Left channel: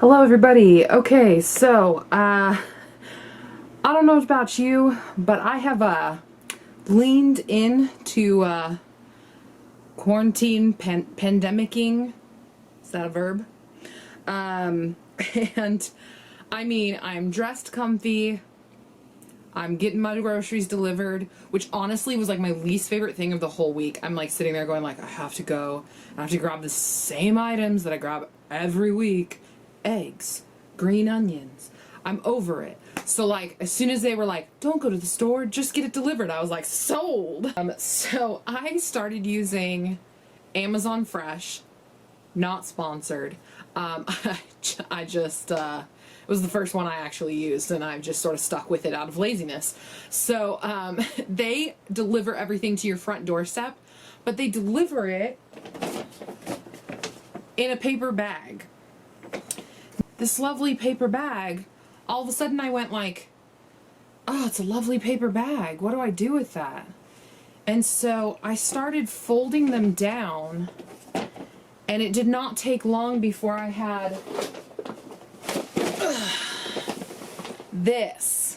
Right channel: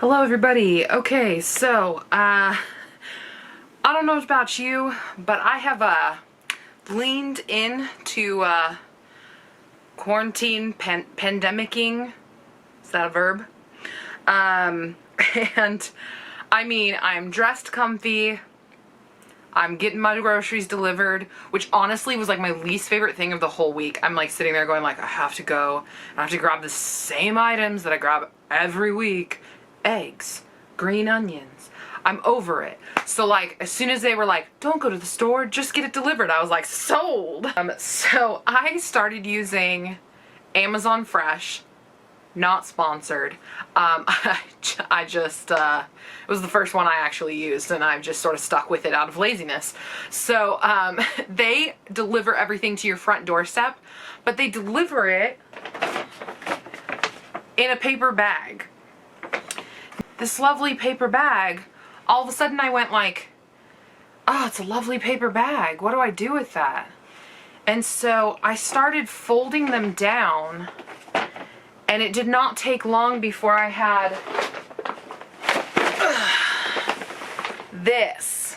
Hello everybody. Okay, so I don't know about you, but I have leaned into quarantine pandemicking. Is that a verb? And I mean, I'm dressed comfy. I'm getting my groceries delivered, which honestly was like my least favorite thing of the whole week. I'm like sitting there going like, I have to go and I have to grab the same items that I grab every week. Eggs, green onions. I'm over it. So like, as soon as they were like, don't go to the store, just get it delivered, I was like, sold. So I started using Amazon Fresh. Not sponsored. I just, it was the first one I actually used and I've just sort of stuck with it out of laziness. So they deliver everything to your front doorstep, but they deliver it in a paper bag. This lovely paper bag, all of a sudden I went like, oh, it's a lovely paper bag. What do I do with that? And so I started folding them down. And it did not take long before I had this.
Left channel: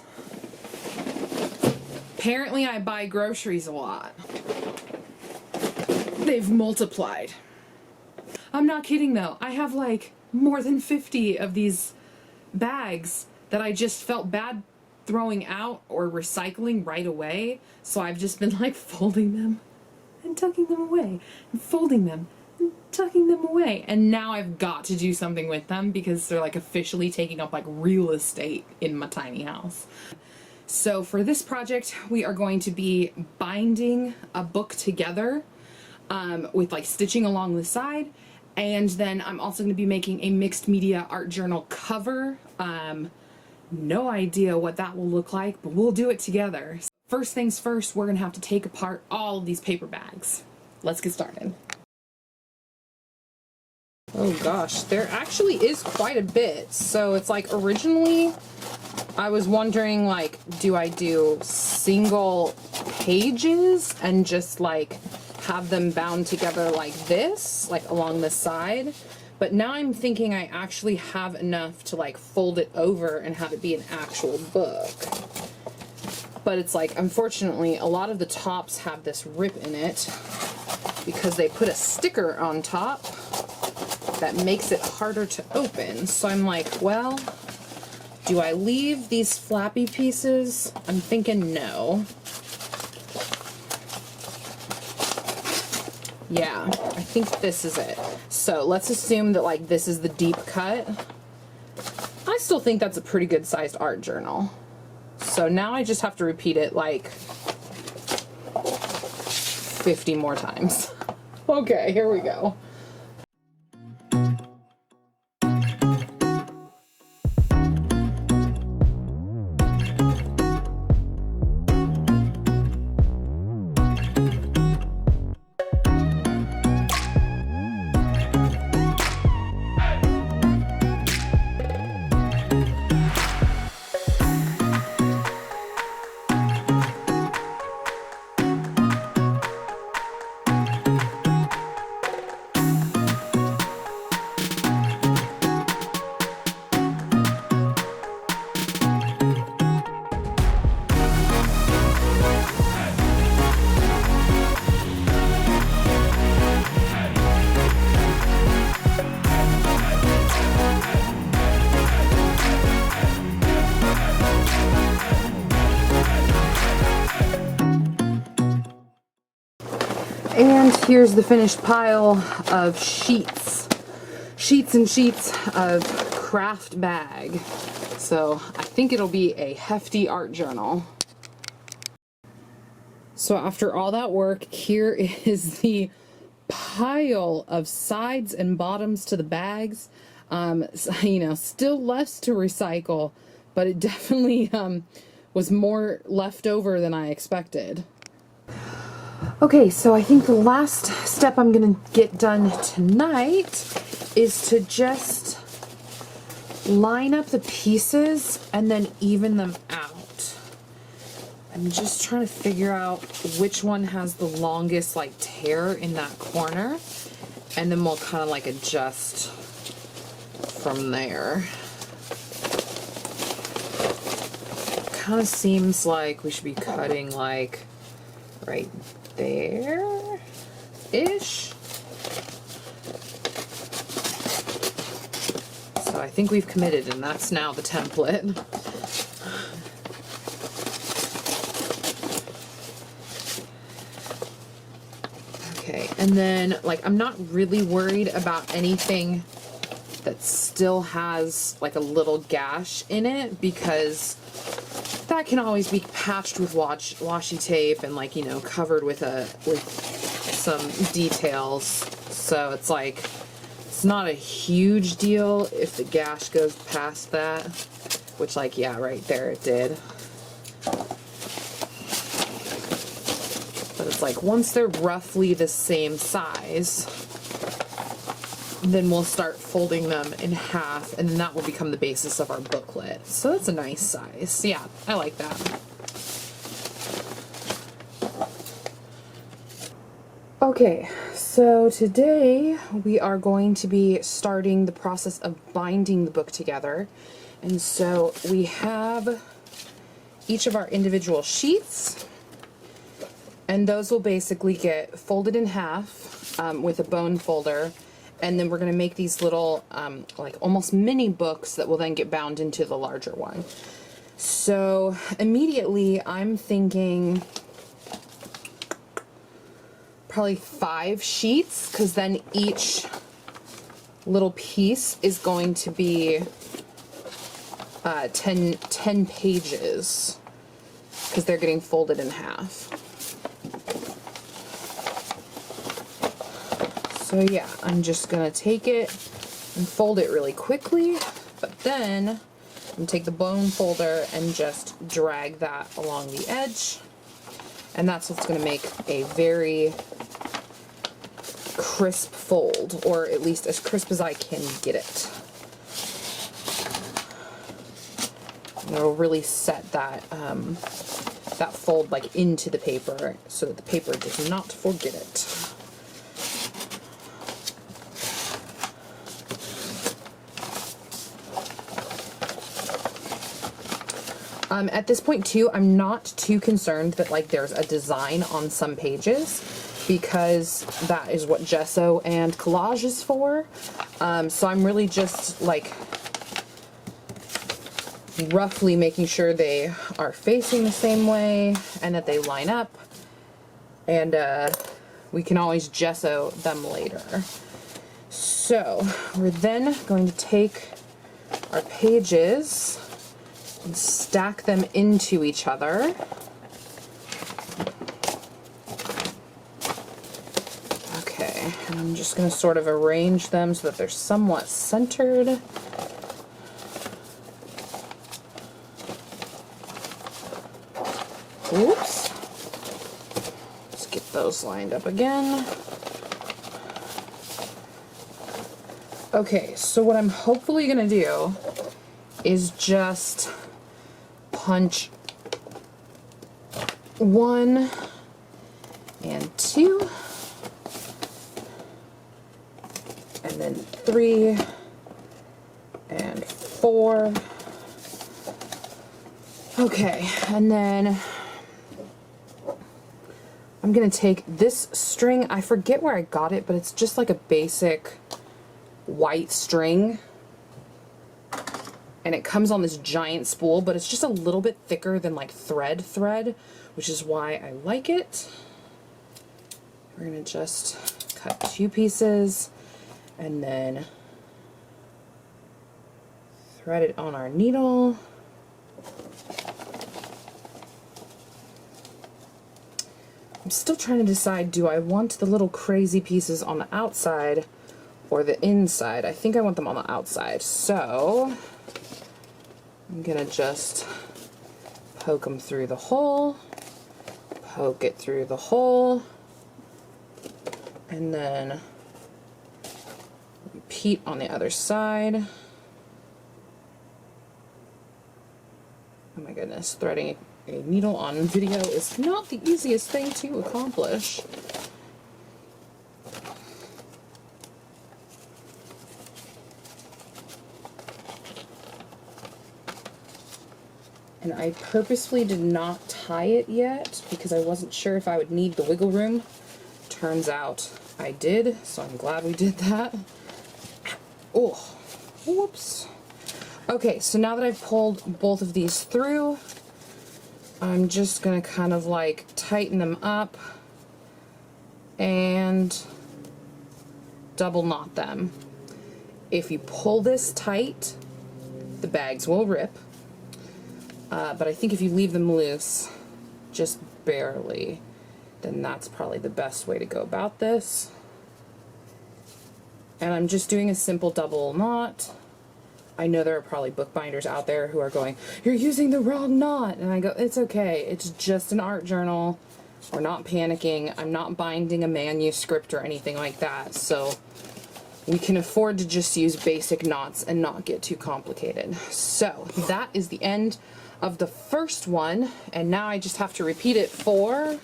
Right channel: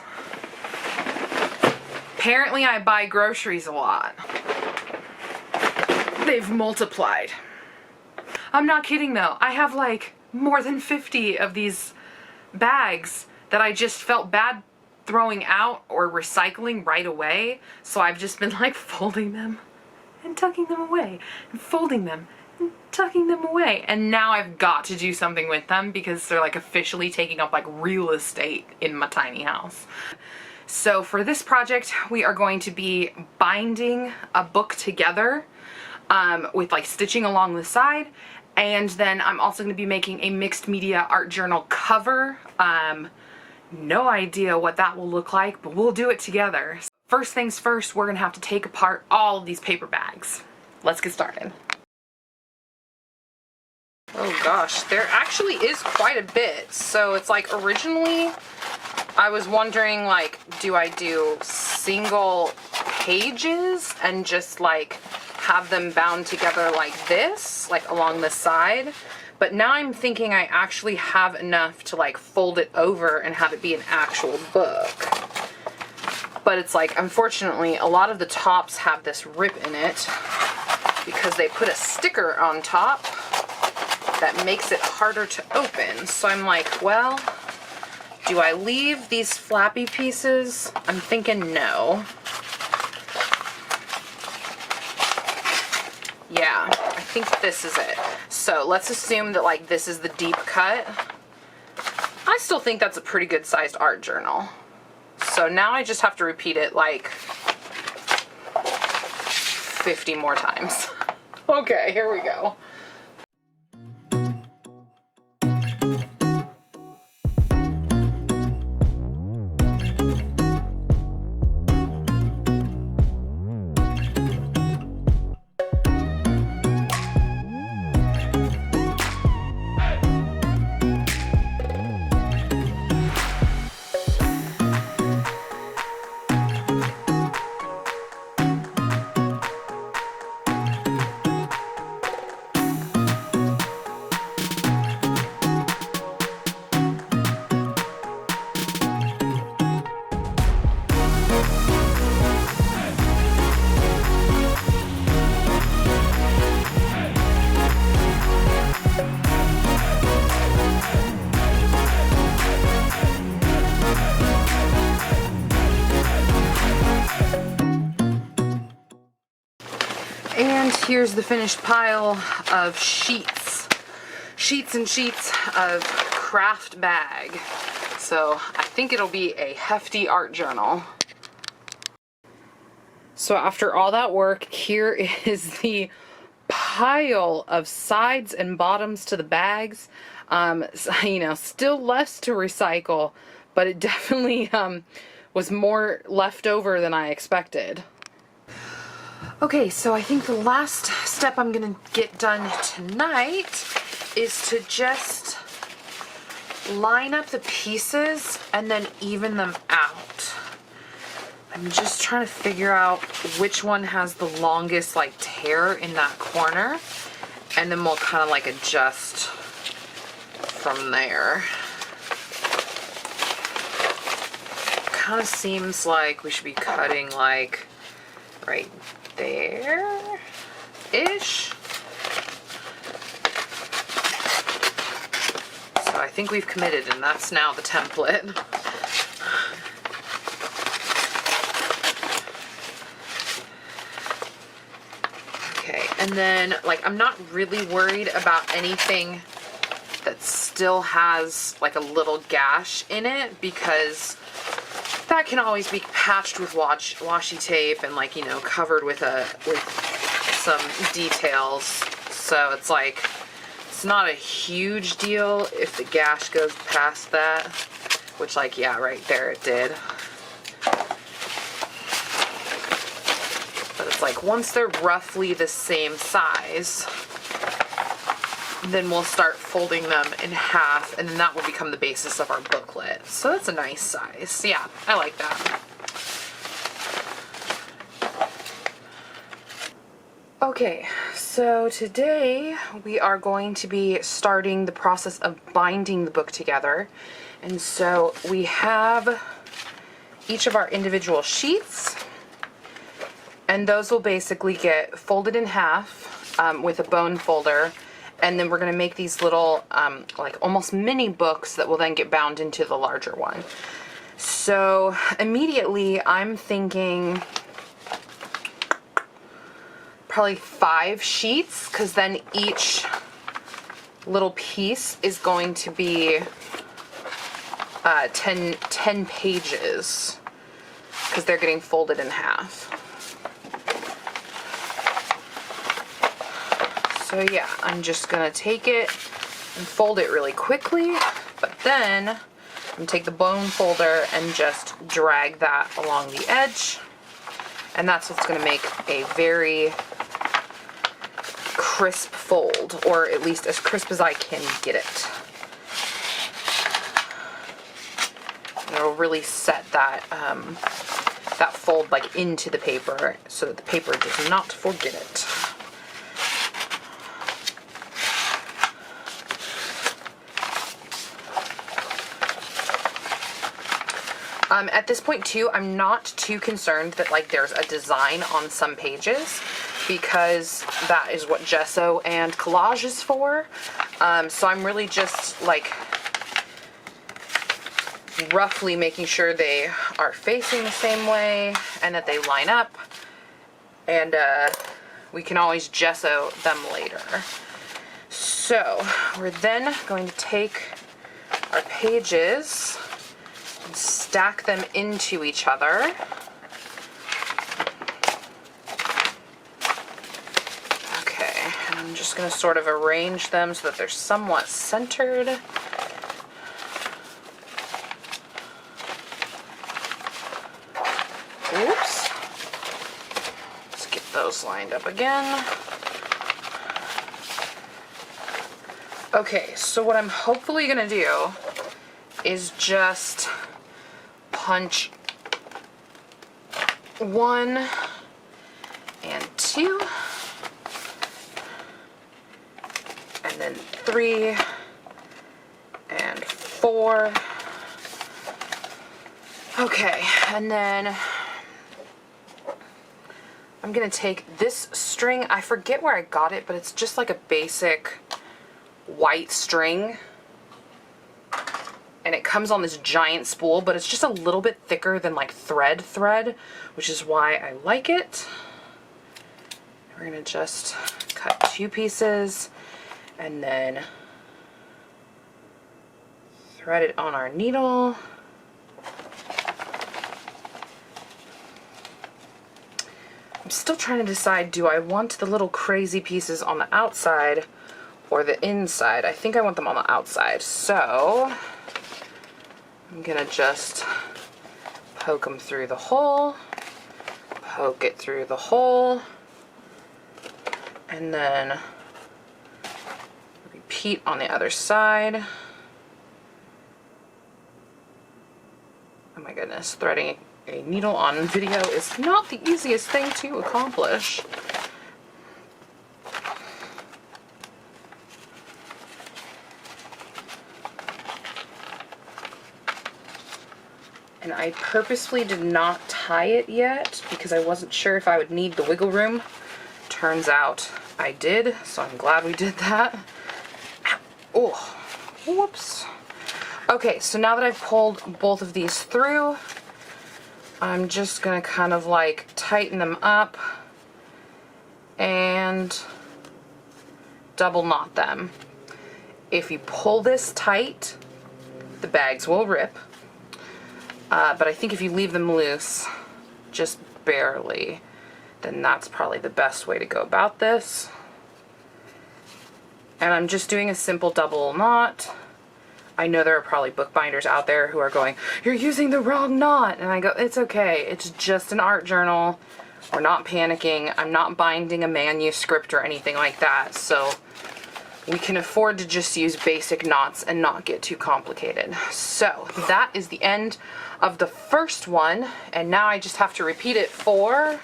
Apparently I buy groceries a lot. They've multiplied. I'm not kidding though. I have like more than 50 of these bags that I just felt bad throwing out or recycling right away. So I've just been like folding them and tucking them away and folding them and tucking them away. And now I've got to do something with them because they're like officially taking up like real estate in my tiny house. So for this project, we are going to be binding a book together with like stitching along the side. And then I'm also going to be making a mixed media art journal cover. No idea what that will look like, but we'll do it together. First things first, we're going to have to take apart all of these paper bags. Let's get started. Oh gosh, there actually is quite a bit. So it's like originally I was wondering like, do I do single pages and just like have them bound together like this, like along the side? But now I'm thinking I actually have enough to like fold it over and have it be an actual book. But it's like, unfortunately, a lot of the tops have this rip in it because they put a sticker on top that makes it harder to open. So I'm like, well, do I leave these flappy pieces? I'm thinking no. Yeah, I think this is it. So let's assume that like this is the deep cut. I still think that's a pretty good sized art journal. So now I just have to repeat it like 50 more times. Okay, here we go. And here's the finished pile of sheets and sheets of craft bag. So I think it'll be a hefty art journal. So after all that work, here is the pile of sides and bottoms to the bags. You know, still less to recycle, but it definitely was more left over than I expected. Okay, so I think the last step I'm gonna get done tonight is to just line up the pieces and then even them out. I'm just trying to figure out which one has the longest like tear in that corner, and then we'll kind of like adjust from there. Kind of seems like we should be cutting like right there-ish. So I think we've committed, and that's now the template. Okay, and then like I'm not really worried about anything that still has like a little gash in it, because that can always be patched with washi tape and like, you know, covered with some details. So it's like, it's not a huge deal if the gash goes past that, which like, yeah, right there it did. But it's like, once they're roughly the same size, then we'll start folding them in half, and then that will become the basis of our booklet. So that's a nice size. Yeah, I like that. Okay, so today we are going to be starting the process of binding the book together. And so we have each of our individual sheets, and those will basically get folded in half with a bone folder. And then we're going to make these little, like almost mini books that will then get bound into the larger one. So immediately I'm thinking probably 5 sheets, because then each little piece is going to be 10 pages, because they're getting folded in half. So yeah, I'm just gonna take it and fold it really quickly, but then I'm gonna take the bone folder and just drag that along the edge, and that's what's gonna make a very crisp fold, or at least as crisp as I can get it. And it'll really set that that fold like into the paper, so that the paper does not forget it. At this point too, I'm not too concerned that like there's a design on some pages, because that is what gesso and collage is for. So I'm really just like roughly making sure they are facing the same way and that they line up, and we can always gesso them later. So we're then going to take our pages and stack them into each other. Okay, and I'm just going to sort of arrange them so that they're somewhat centered. Oops. Let's get those lined up again. Okay, so what I'm hopefully going to do is just punch 1 and 2, and then 3 and 4. Okay, and then I'm gonna take this string. I forget where I got it, but it's just like a basic white string. And it comes on this giant spool, but it's just a little bit thicker than like thread, which is why I like it. We're gonna just cut 2 pieces and then thread it on our needle. I'm still trying to decide, do I want the little crazy pieces on the outside or the inside? I think I want them on the outside, so I'm gonna just poke them through the hole, poke it through the hole, and then repeat on the other side. Oh my goodness, threading a needle on video is not the easiest thing to accomplish. and I purposefully did not tie it yet because I wasn't sure if I would need the wiggle room. Turns out I did, so I'm glad we did that. Oh, whoops. Okay, so now that I've pulled both of these through, I'm just gonna kind of like tighten them up and double knot them. If you pull this tight, the bags will rip. But I think if you leave them loose, just barely, then that's probably the best way to go about this. And I'm just doing a simple double knot. I know there are probably bookbinders out there who are going, "You're using the wrong knot." And I go, it's okay. It's just an art journal. We're not panicking. I'm not binding a manuscript or anything like that. So we can afford to just use basic knots and not get too complicated. So that is the end of the first one, and now I just have to repeat it for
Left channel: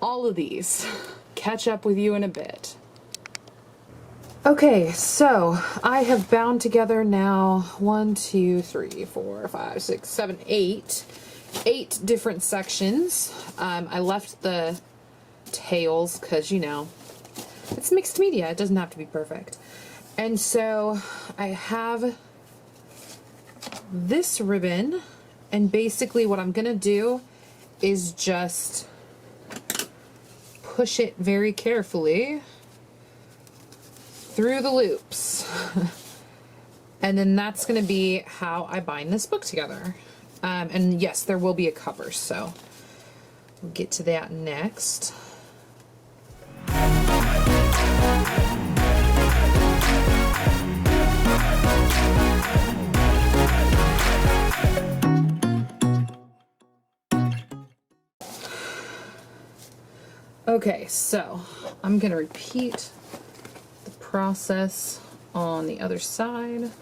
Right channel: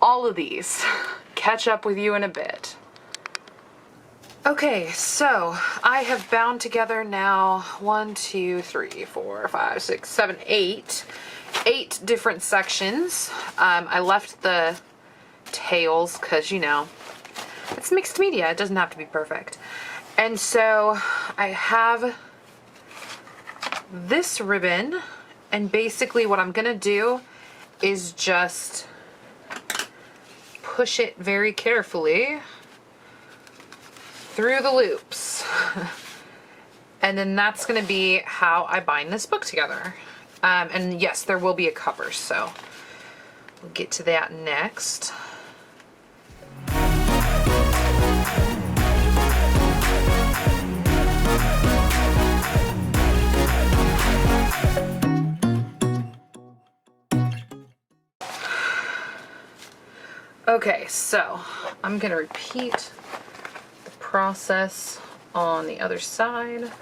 all of these. Catch up with you in a bit. Okay, so I have bound together now 1, 2, 3, 4, 5, 6, 7, 8 different sections. I left the tails because, you know, it's mixed media. It doesn't have to be perfect. And so I have this ribbon, and basically what I'm gonna do is just push it very carefully through the loops. And then that's gonna be how I bind this book together. And yes, there will be a cover, so we'll get to that next. Okay, so I'm gonna repeat the process on the other side.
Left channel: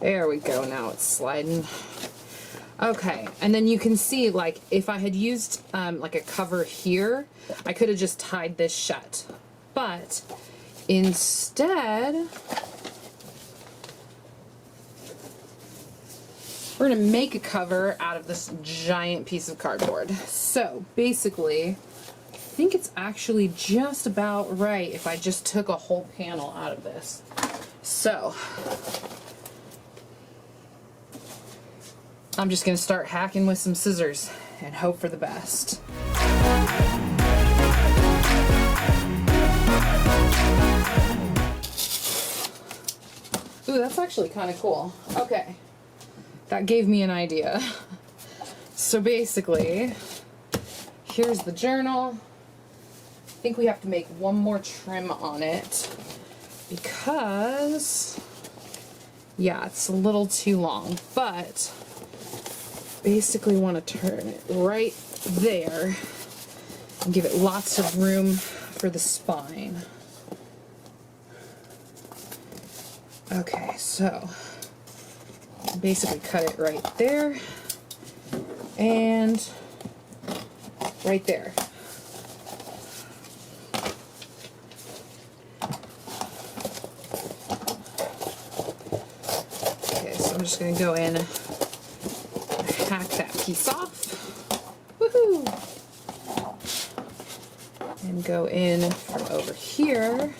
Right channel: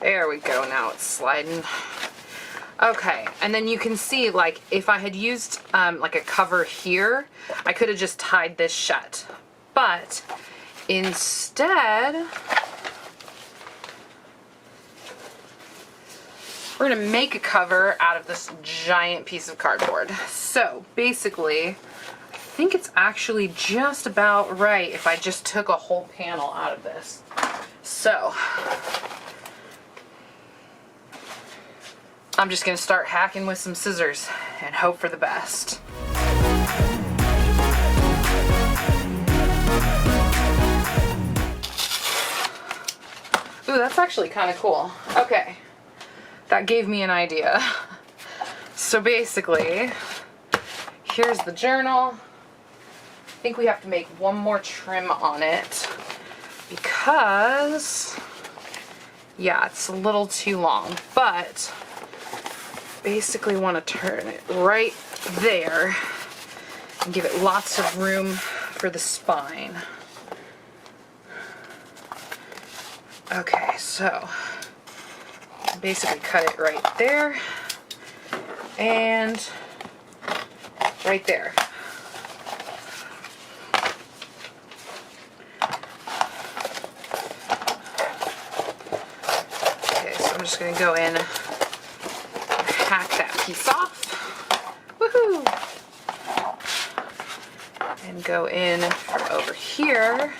There we go, now it's sliding. Okay, and then you can see, like, if I had used like a cover here, I could have just tied this shut. But instead, we're gonna make a cover out of this giant piece of cardboard. So basically, I think it's actually just about right if I just took a whole panel out of this. So I'm just gonna start hacking with some scissors and hope for the best. Ooh, that's actually kind of cool. Okay, that gave me an idea. So basically, here's the journal. I think we have to make one more trim on it because, yeah, it's a little too long, but basically want to turn it right there and give it lots of room for the spine. Okay, so basically cut it right there and right there. Okay, so I'm just going to go in, hack that piece off. Woohoo! And go in from over here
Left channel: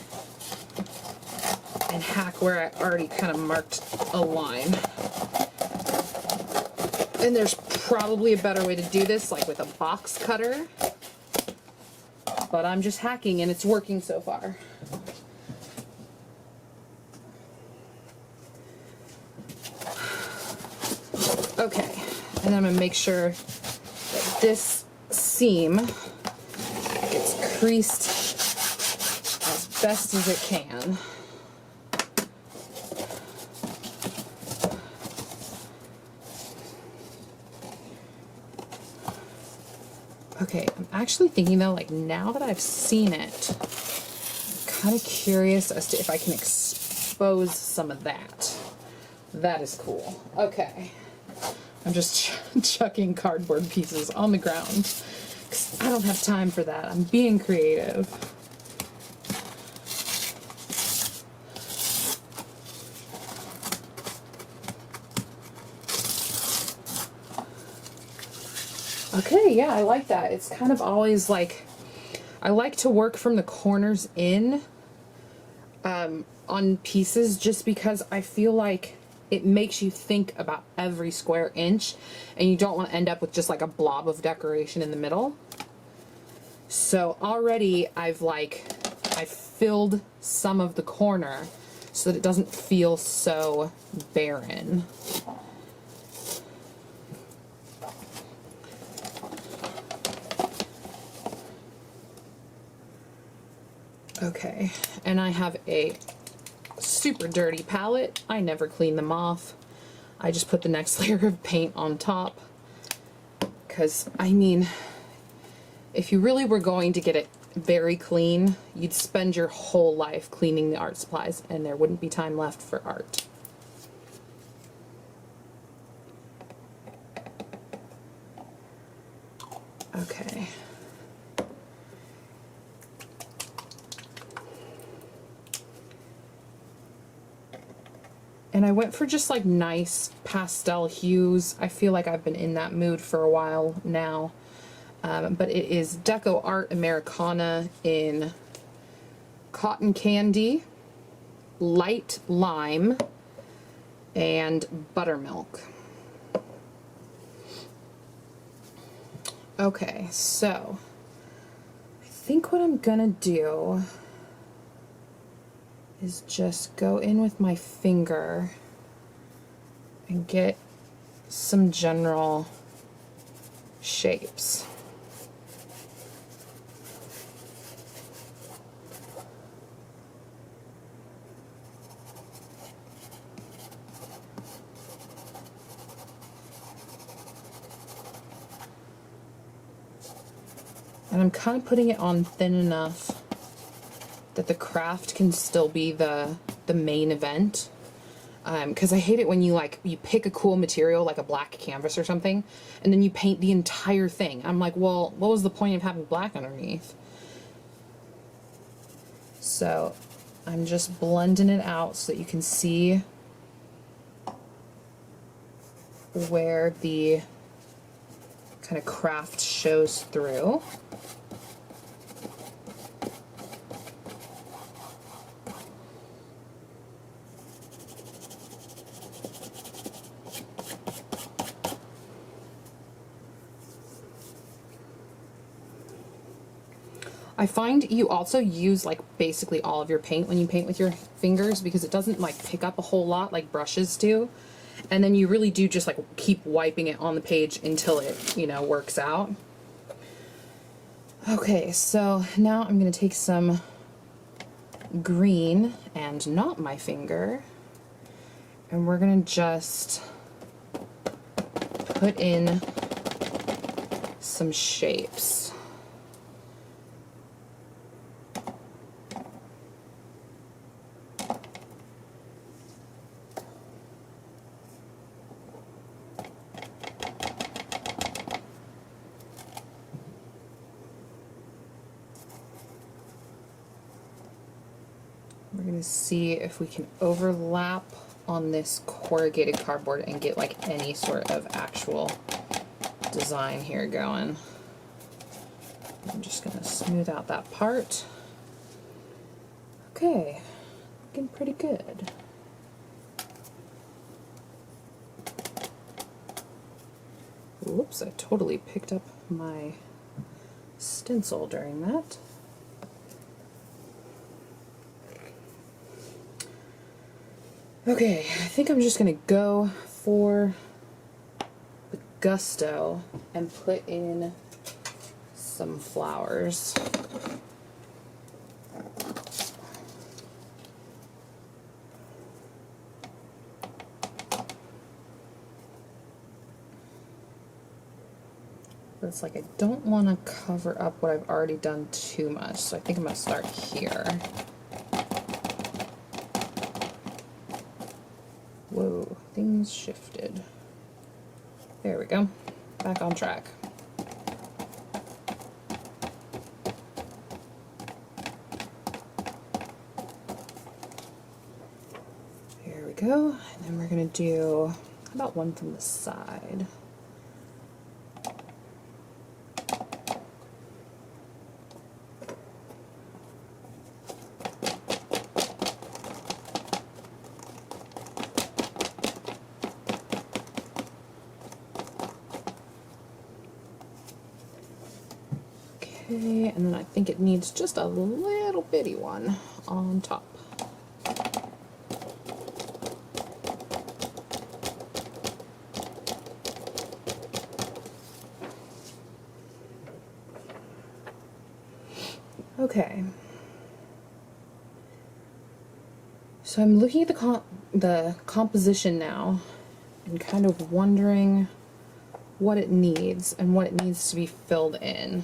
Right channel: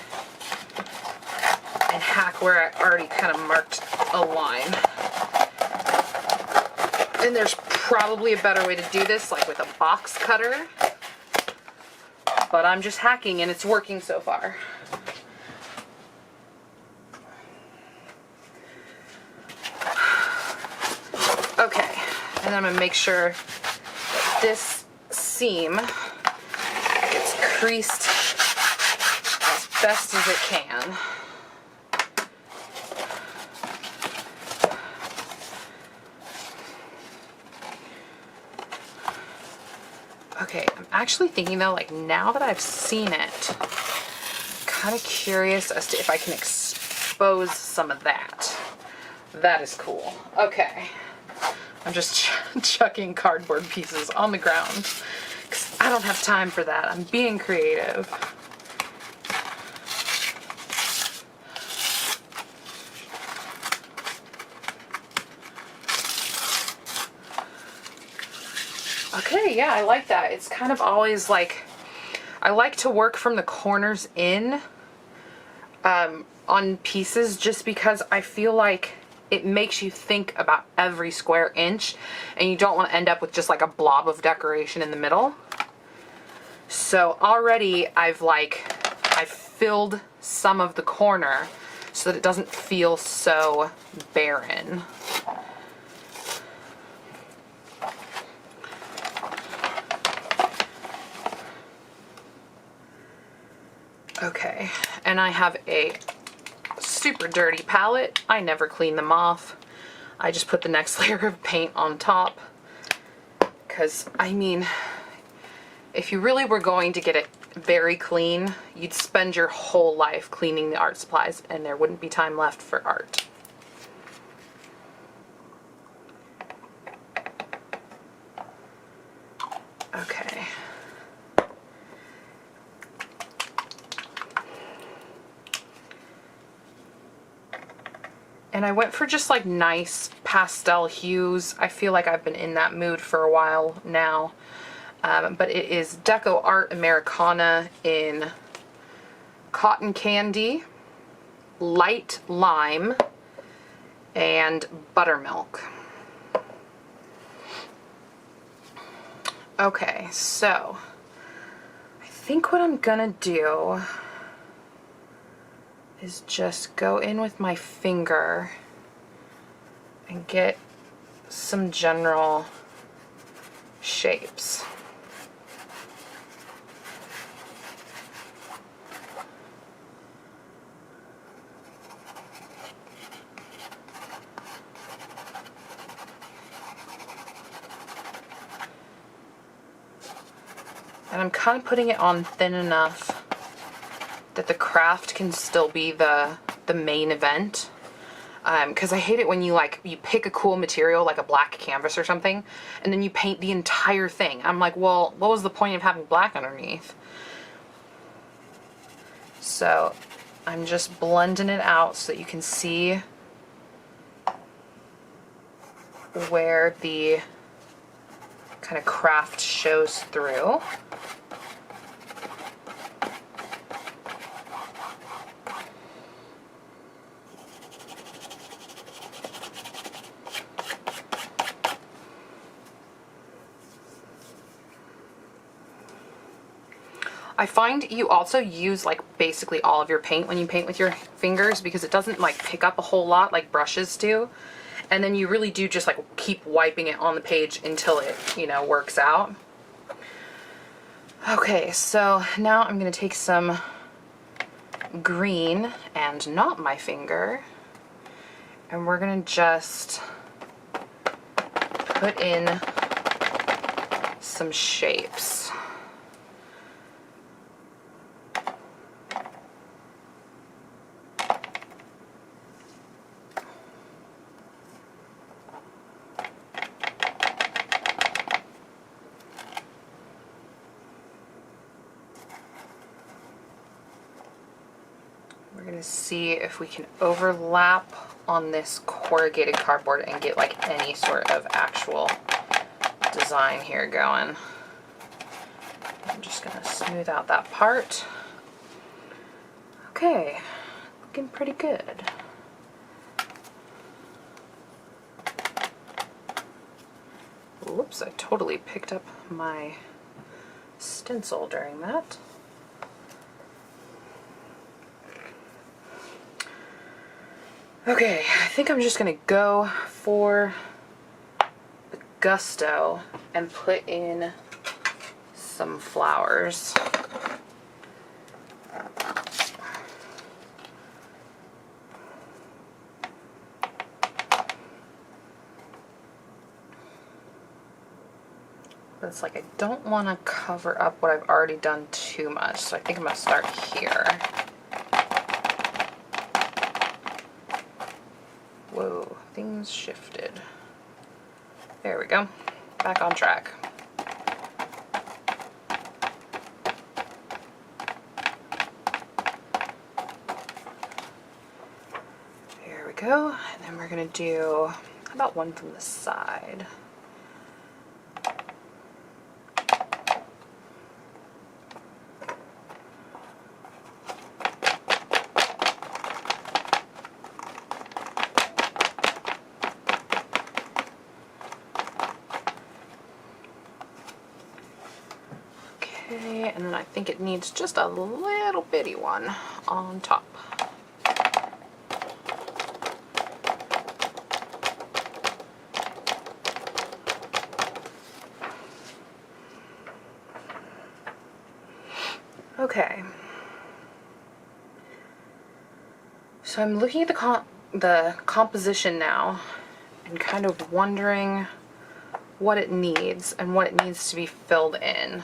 and hack where I already kind of marked a line. And there's probably a better way to do this, like with a box cutter. But I'm just hacking and it's working so far. Okay, and I'm gonna make sure that this seam gets creased as best as it can. Okay, I'm actually thinking though, like now that I've seen it, I'm kind of curious as to if I can expose some of that. That is cool. Okay. I'm just chucking cardboard pieces on the ground because I don't have time for that. I'm being creative. Okay, yeah, I like that. It's kind of always like, I like to work from the corners in on pieces just because I feel like it makes you think about every square inch and you don't want to end up with just like a blob of decoration in the middle. So already I've filled some of the corner so that it doesn't feel so barren. Okay, and I have a super dirty palette. I never clean them off. I just put the next layer of paint on top. Because, I mean, if you really were going to get it very clean, you'd spend your whole life cleaning the art supplies and there wouldn't be time left for art. Okay. And I went for just like nice pastel hues. I feel like I've been in that mood for a while now. But it is Deco Art Americana in Cotton Candy, Light Lime, and Buttermilk. Okay, so I think what I'm gonna do is just go in with my finger and get some general shapes. And I'm kind of putting it on thin enough that the craft can still be the main event. Because I hate it when you pick a cool material like a black canvas or something and then you paint the entire thing. I'm like, well, what was the point of having black underneath? So I'm just blending it out so that you can see where the kind of craft shows through. I find you also use like basically all of your paint when you paint with your fingers because it doesn't like pick up a whole lot like brushes do. And then you really do just like keep wiping it on the page until it, you know, works out. Okay, so now I'm gonna take some green and not my finger, and we're gonna just put in some shapes. We're gonna see if we can overlap on this corrugated cardboard and get like any sort of actual design here going. I'm just gonna smooth out that part. Okay, looking pretty good. Whoops, I totally picked up my stencil during that. Okay, I think I'm just gonna go for the gusto and put in some flowers. But it's like I don't want to cover up what I've already done too much, so I think I'm gonna start here. Whoa, things shifted. There we go. Back on track. There we go. And then we're going to do, how about one from the side? Okay, and then I think it needs just a little bitty one on top. Okay. So I'm looking at the composition now and kind of wondering what it needs and what it needs to be filled in.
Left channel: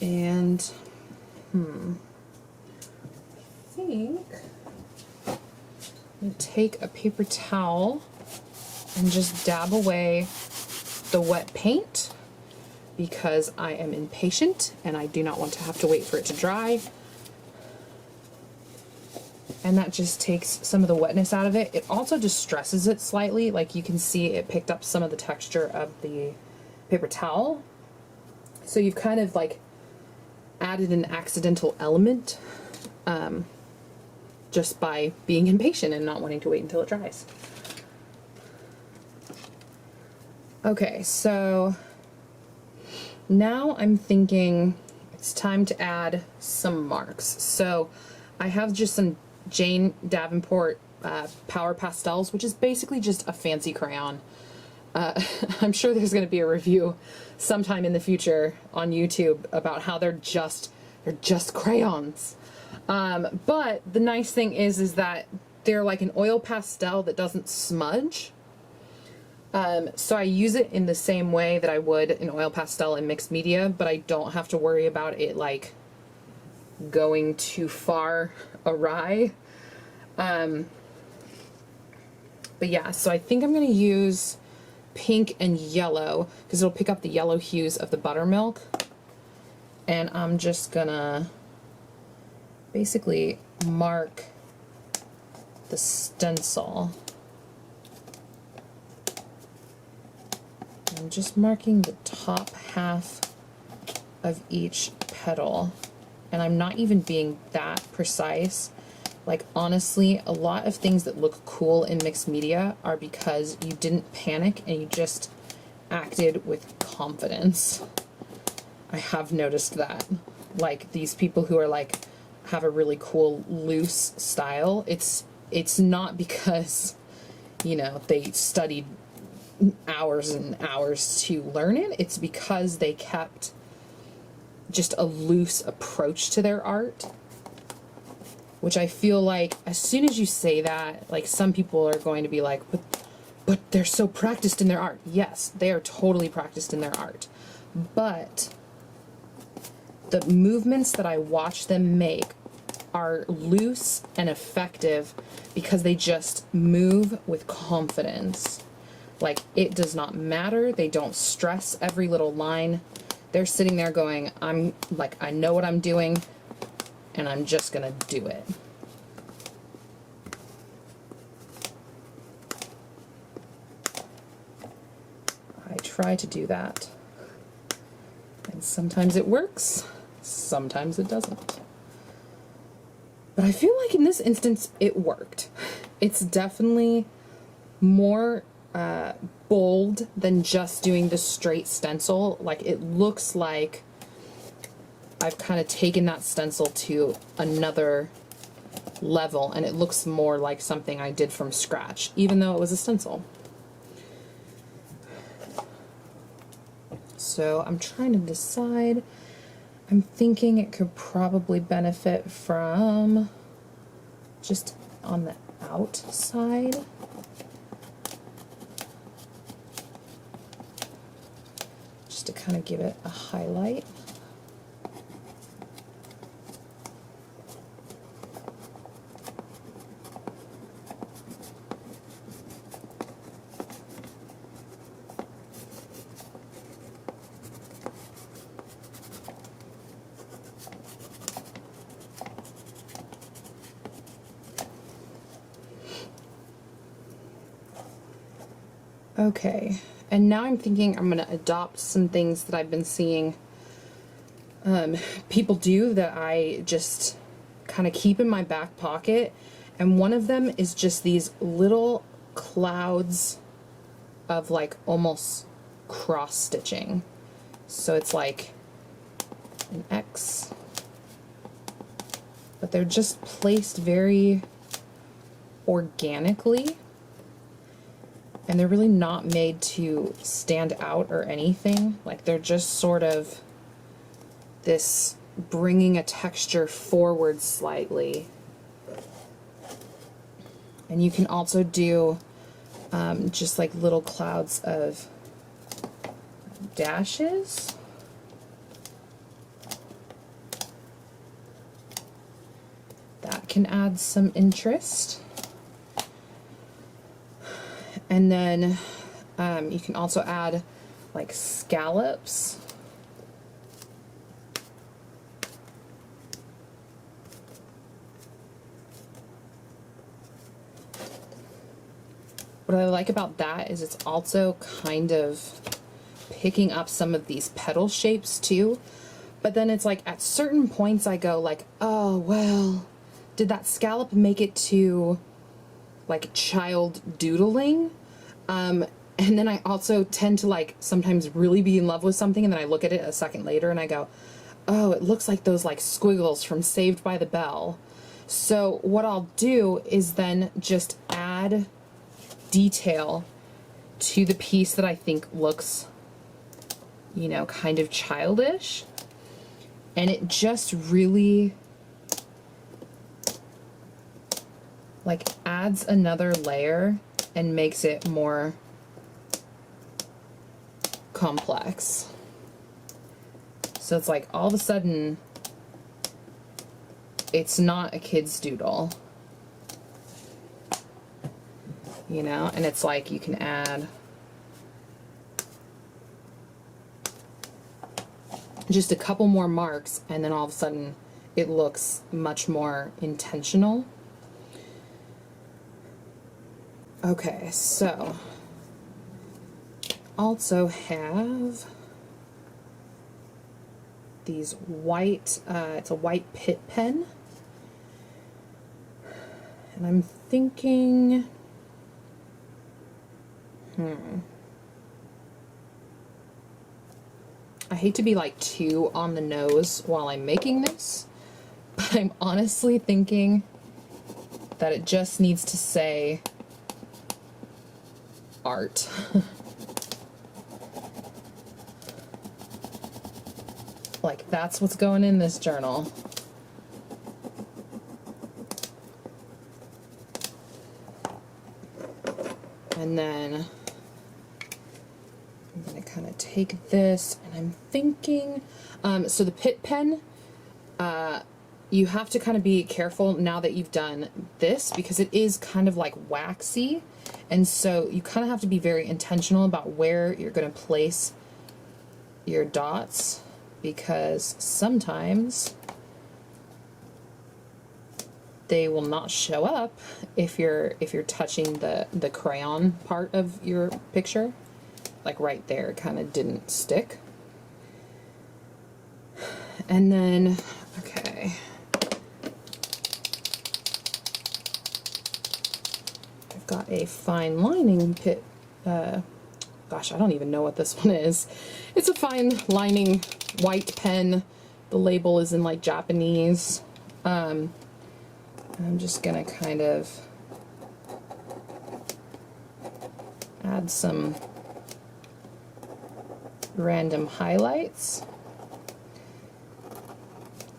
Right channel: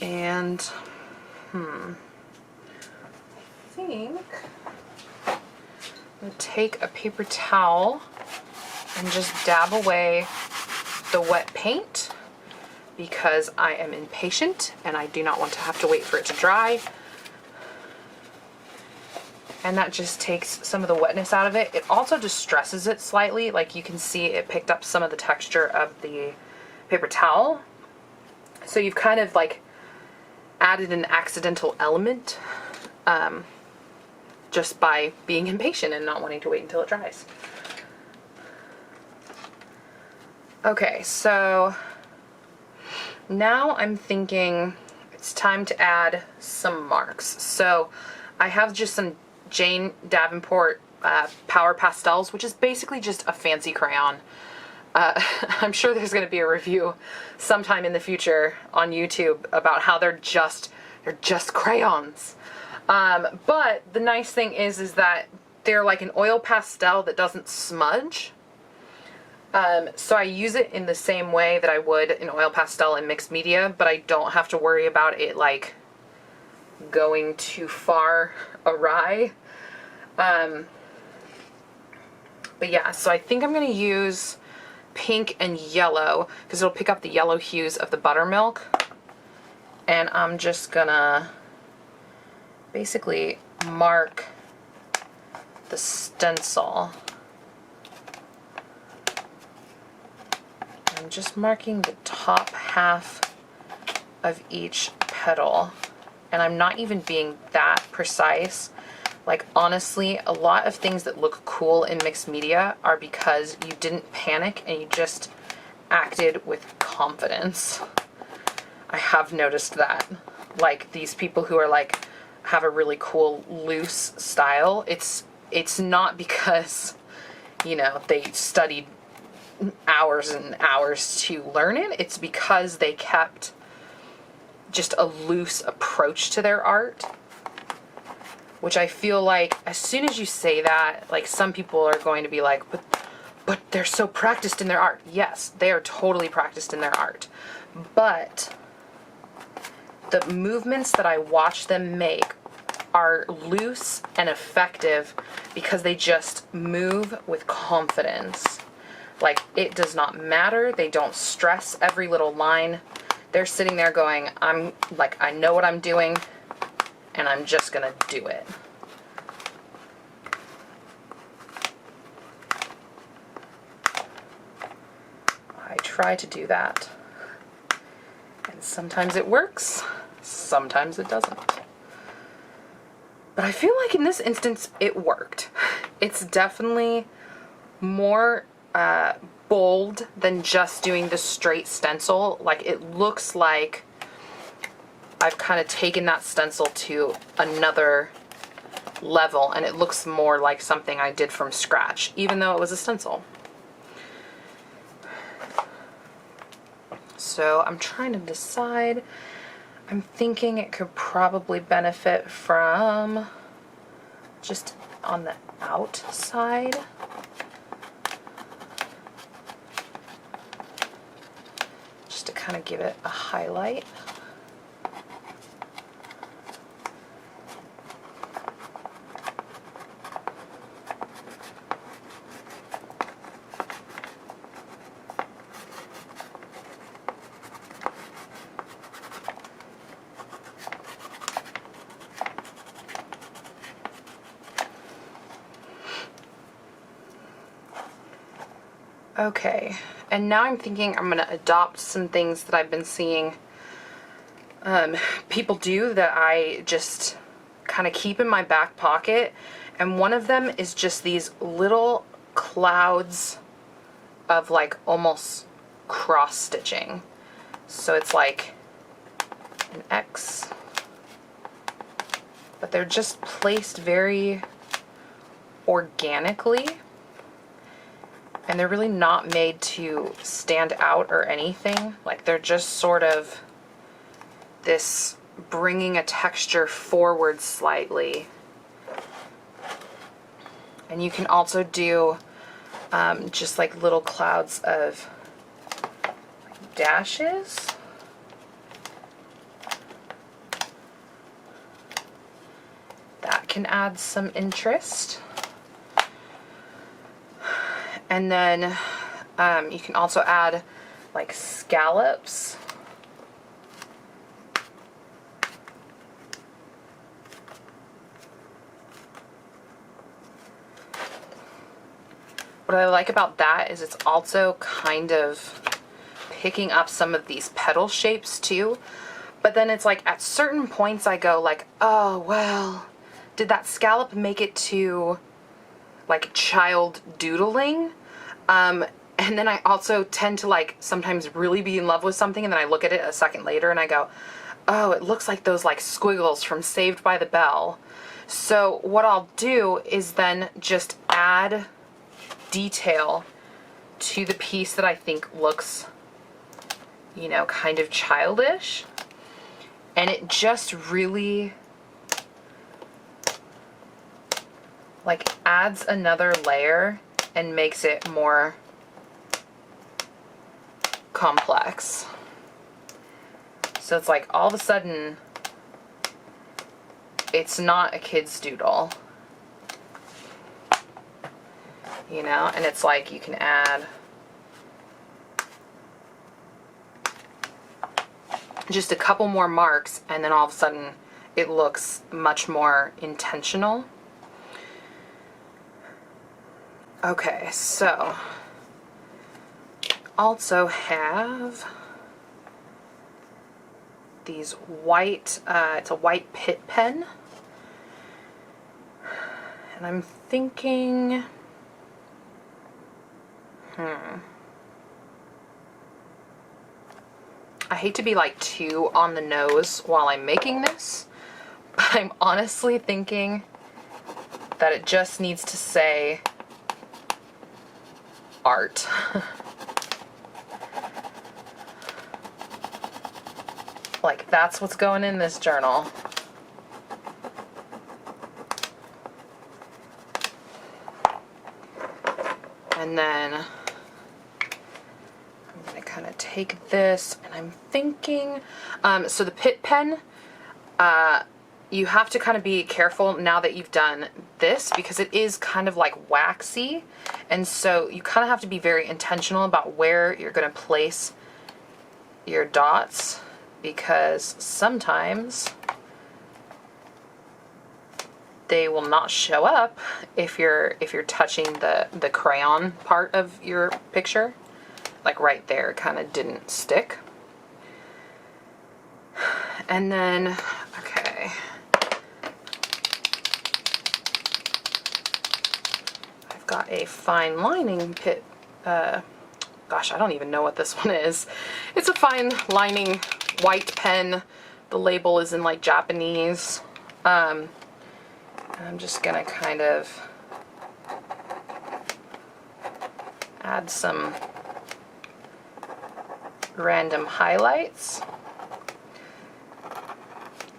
And I think I'm going to take a paper towel and just dab away the wet paint because I am impatient and I do not want to have to wait for it to dry. And that just takes some of the wetness out of it. It also distresses it slightly. Like you can see it picked up some of the texture of the paper towel. So you've kind of like added an accidental element just by being impatient and not wanting to wait until it dries. Okay, so now I'm thinking it's time to add some marks. So I have just some Jane Davenport Power Pastels, which is basically just a fancy crayon. I'm sure there's going to be a review sometime in the future on YouTube about how they're just crayons. But the nice thing is that they're like an oil pastel that doesn't smudge. So I use it in the same way that I would an oil pastel in mixed media, but I don't have to worry about it like going too far awry. But yeah, so I think I'm going to use pink and yellow because it'll pick up the yellow hues of the buttermilk. And I'm just gonna basically mark the stencil. I'm just marking the top half of each petal. And I'm not even being that precise. Like honestly, a lot of things that look cool in mixed media are because you didn't panic and you just acted with confidence. I have noticed that. Like these people who are like, have a really cool loose style, it's not because, you know, they studied hours and hours to learn it. It's because they kept just a loose approach to their art. Which I feel like as soon as you say that, like some people are going to be like, but they're so practiced in their art. Yes, they are totally practiced in their art. But the movements that I watch them make are loose and effective because they just move with confidence. Like it does not matter. They don't stress every little line. They're sitting there going, I know what I'm doing. And I'm just gonna do it. I try to do that. And sometimes it works, sometimes it doesn't. But I feel like in this instance, it worked. It's definitely more bold than just doing the straight stencil. Like it looks like I've kind of taken that stencil to another level and it looks more like something I did from scratch, even though it was a stencil. So I'm trying to decide. I'm thinking it could probably benefit from just on the outside. Just to kind of give it a highlight. Okay, and now I'm thinking I'm gonna adopt some things that I've been seeing people do that I just kind of keep in my back pocket. And one of them is just these little clouds of like almost cross stitching. So it's like an X, but they're just placed very organically. And they're really not made to stand out or anything. Like they're just sort of this bringing a texture forward slightly. And you can also do just like little clouds of like dashes. That can add some interest. And then you can also add like scallops. What I like about that is it's also kind of picking up some of these petal shapes too. But then it's like at certain points I go like, oh, well, did that scallop make it to like child doodling? And then I also tend to like sometimes really be in love with something and then I look at it a second later and I go, oh, it looks like those like squiggles from Saved by the Bell. So what I'll do is then just add detail to the piece that I think looks, you know, kind of childish. And it just really like adds another layer and makes it more complex. So it's like all of a sudden it's not a kid's doodle, you know, and it's like you can add just a couple more marks and then all of a sudden it looks much more intentional. Okay, so also have these white, it's a white Pitt pen. And I'm thinking, I hate to be like too on the nose while I'm making this, but I'm honestly thinking that it just needs to say art. Like that's what's going in this journal. And then I'm gonna kind of take this and I'm thinking, so the Pitt pen, you have to kind of be careful now that you've done this because it is kind of like waxy. And so you kind of have to be very intentional about where you're going to place your dots because sometimes they will not show up if you're touching the crayon part of your picture. Like right there, it kind of didn't stick. And then, okay. I've got a fine lining Pitt, gosh, I don't even know what this one is. It's a fine lining white pen. The label is in like Japanese. I'm just gonna kind of add some random highlights.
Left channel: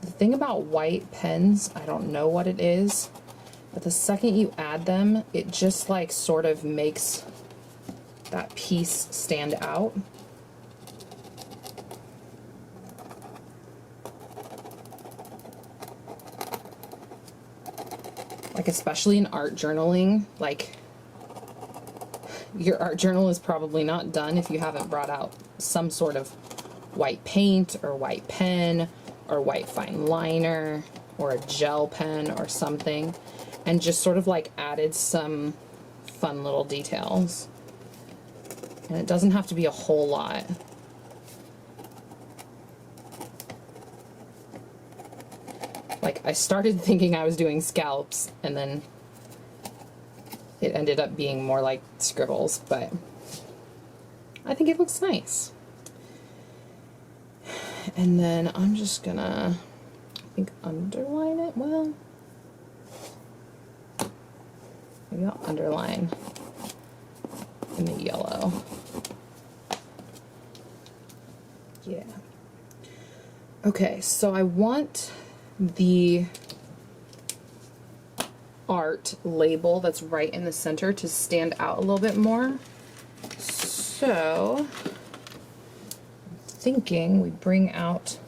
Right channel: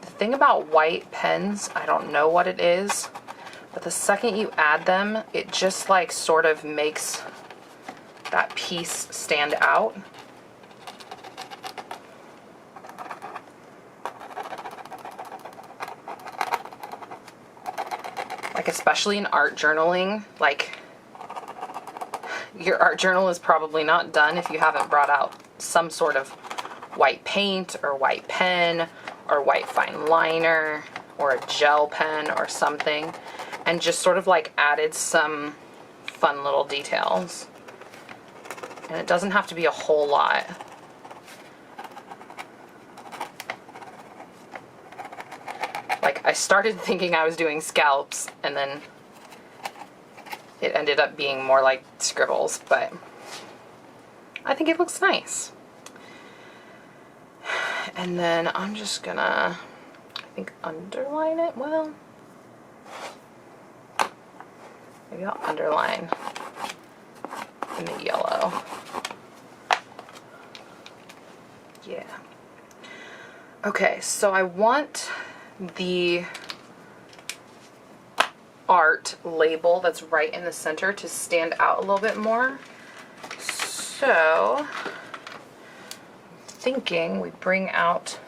The thing about white pens, I don't know what it is, but the second you add them, it just like sort of makes that piece stand out. Like especially in art journaling, like your art journal is probably not done if you haven't brought out some sort of white paint or white pen or white fine liner or a gel pen or something and just sort of like added some fun little details. And it doesn't have to be a whole lot. Like, I started thinking I was doing scalps, and then it ended up being more like scribbles, but I think it looks nice. And then I'm just gonna, I think, underline it well. Maybe I'll underline in the yellow. Yeah. Okay, so I want the art label that's right in the center to stand out a little bit more. So I'm thinking we bring out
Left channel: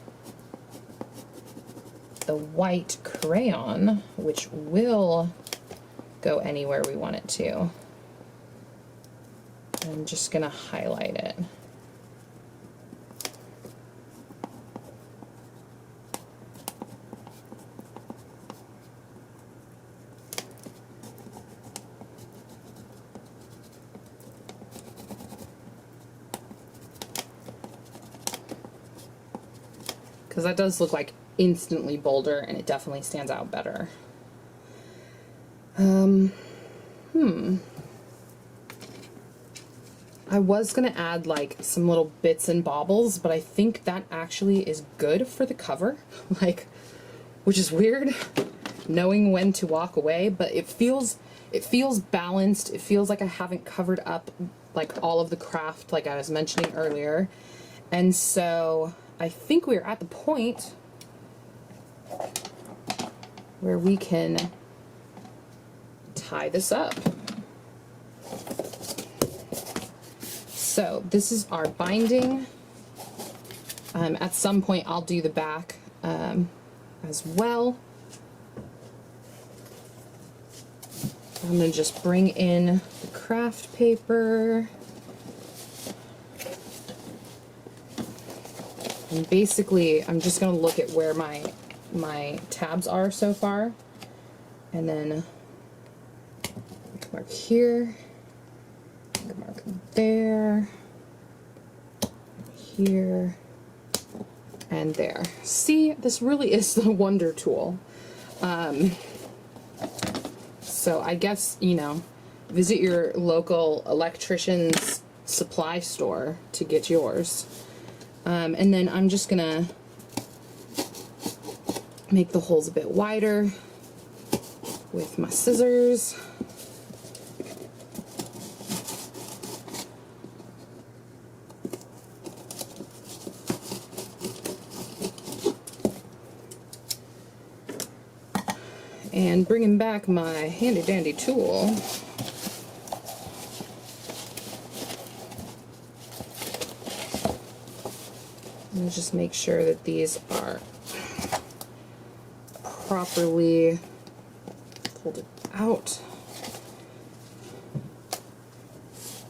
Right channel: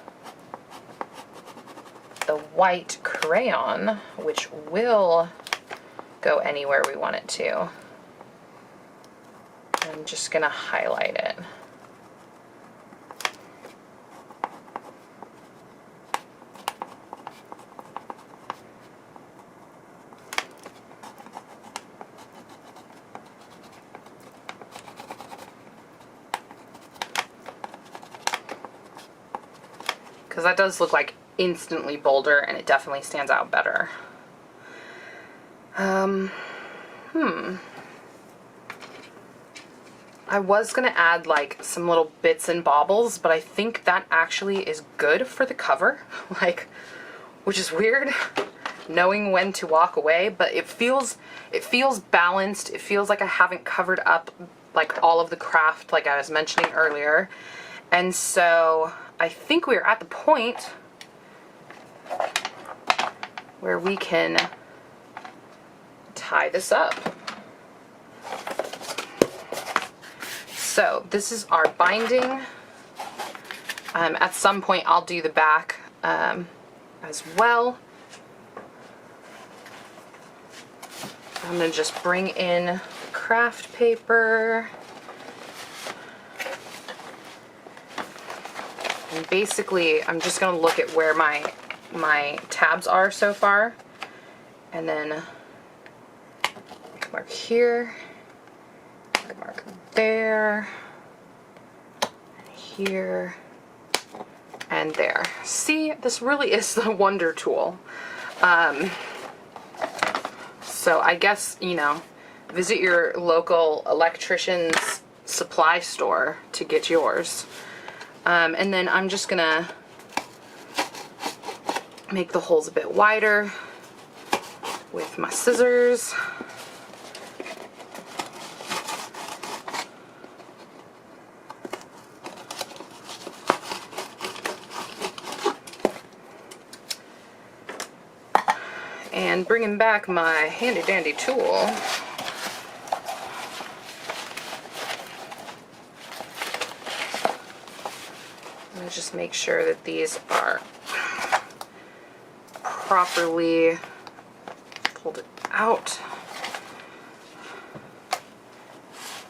the white crayon, which will go anywhere we want it to. I'm just gonna highlight it. Because that does look like instantly bolder, and it definitely stands out better. I was gonna add like some little bits and baubles, but I think that actually is good for the cover, like, which is weird, knowing when to walk away, but it feels balanced. It feels like I haven't covered up like all of the craft like I was mentioning earlier. And so I think we're at the point where we can tie this up. So this is our binding. At some point I'll do the back as well. I'm gonna just bring in the craft paper. And basically I'm just gonna look at where my tabs are so far, and then mark here, mark there, and here, and there. See, this really is the wonder tool. So I guess, you know, visit your local electrician's supply store to get yours. And then I'm just gonna make the holes a bit wider with my scissors. And bringing back my handy dandy tool, I'm gonna just make sure that these are properly folded out.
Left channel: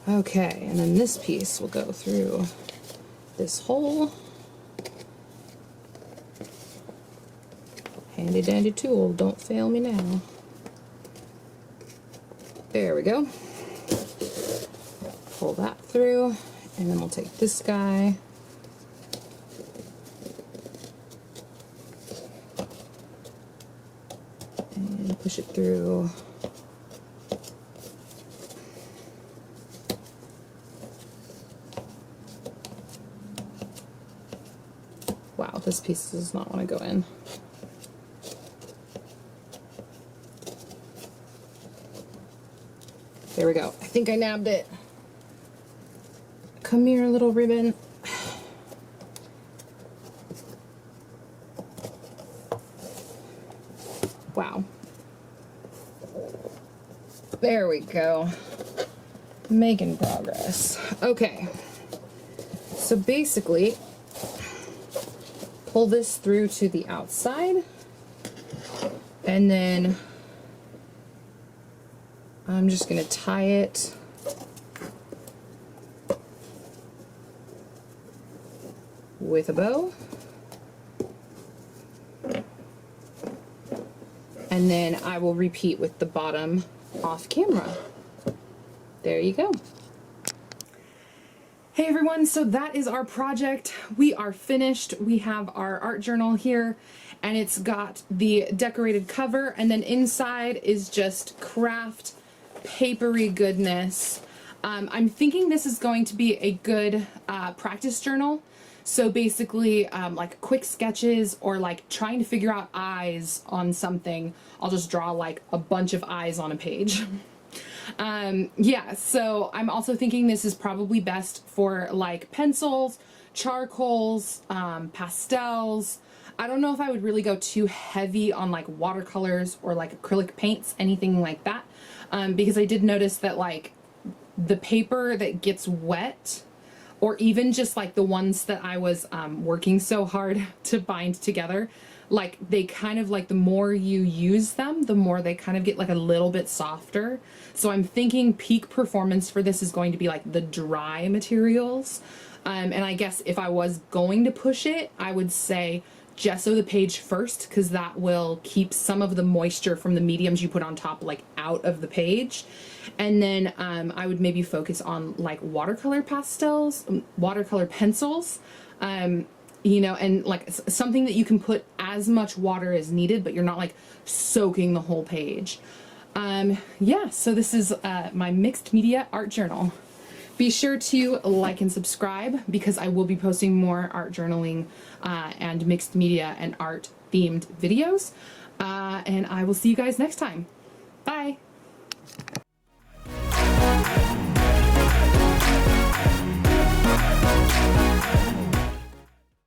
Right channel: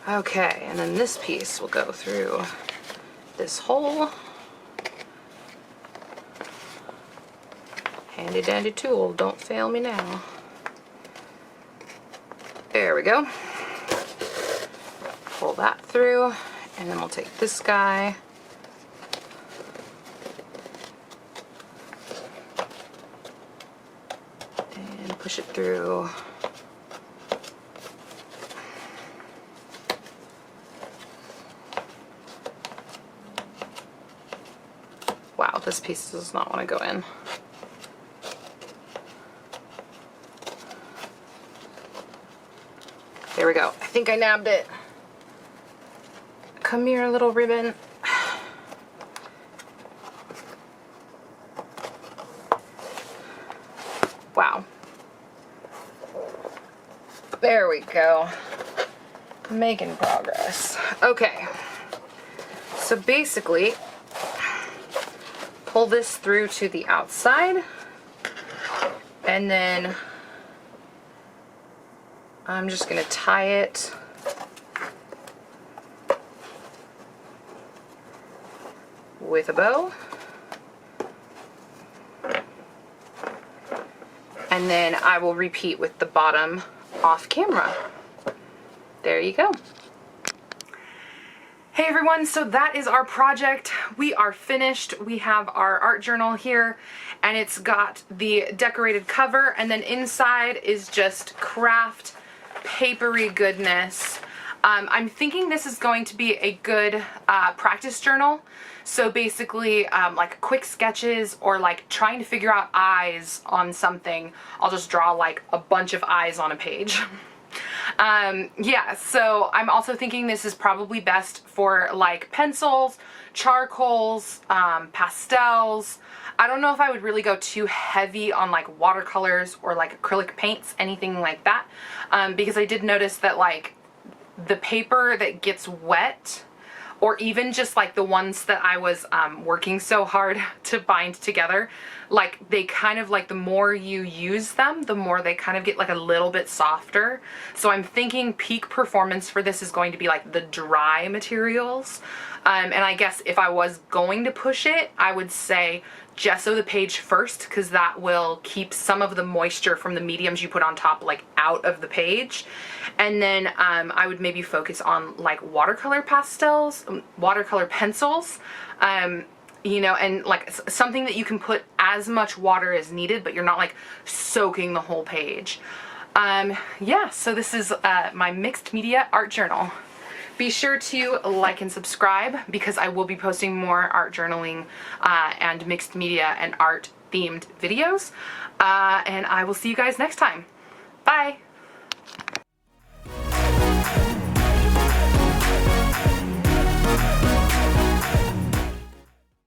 Okay, and then this piece will go through this hole. Handy dandy tool, don't fail me now. There we go. Pull that through, and then we'll take this guy. And push it through. Wow, this piece does not want to go in. There we go. I think I nabbed it. Come here, little ribbon. Wow. There we go. Making progress. Okay. So basically, pull this through to the outside, and then I'm just going to tie it with a bow, and then I will repeat with the bottom off camera. There you go. Hey everyone, so that is our project. We are finished. We have our art journal here and it's got the decorated cover, and then inside is just craft papery goodness. I'm thinking this is going to be a good practice journal. So basically like quick sketches or like trying to figure out eyes on something. I'll just draw like a bunch of eyes on a page. Yeah, so I'm also thinking this is probably best for like pencils, charcoals, pastels. I don't know if I would really go too heavy on like watercolors or like acrylic paints, anything like that, because I did notice that like the paper that gets wet, or even just like the ones that I was working so hard to bind together, like they kind of like the more you use them, the more they kind of get like a little bit softer. So I'm thinking peak performance for this is going to be like the dry materials. And I guess if I was going to push it, I would say gesso the page first, because that will keep some of the moisture from the mediums you put on top like out of the page. And then I would maybe focus on like watercolor pastels, watercolor pencils, you know, and like something that you can put as much water as needed, but you're not like soaking the whole page. Yeah, so this is my mixed media art journal. Be sure to like and subscribe because I will be posting more art journaling and mixed media and art themed videos. And I will see you guys next time. Bye.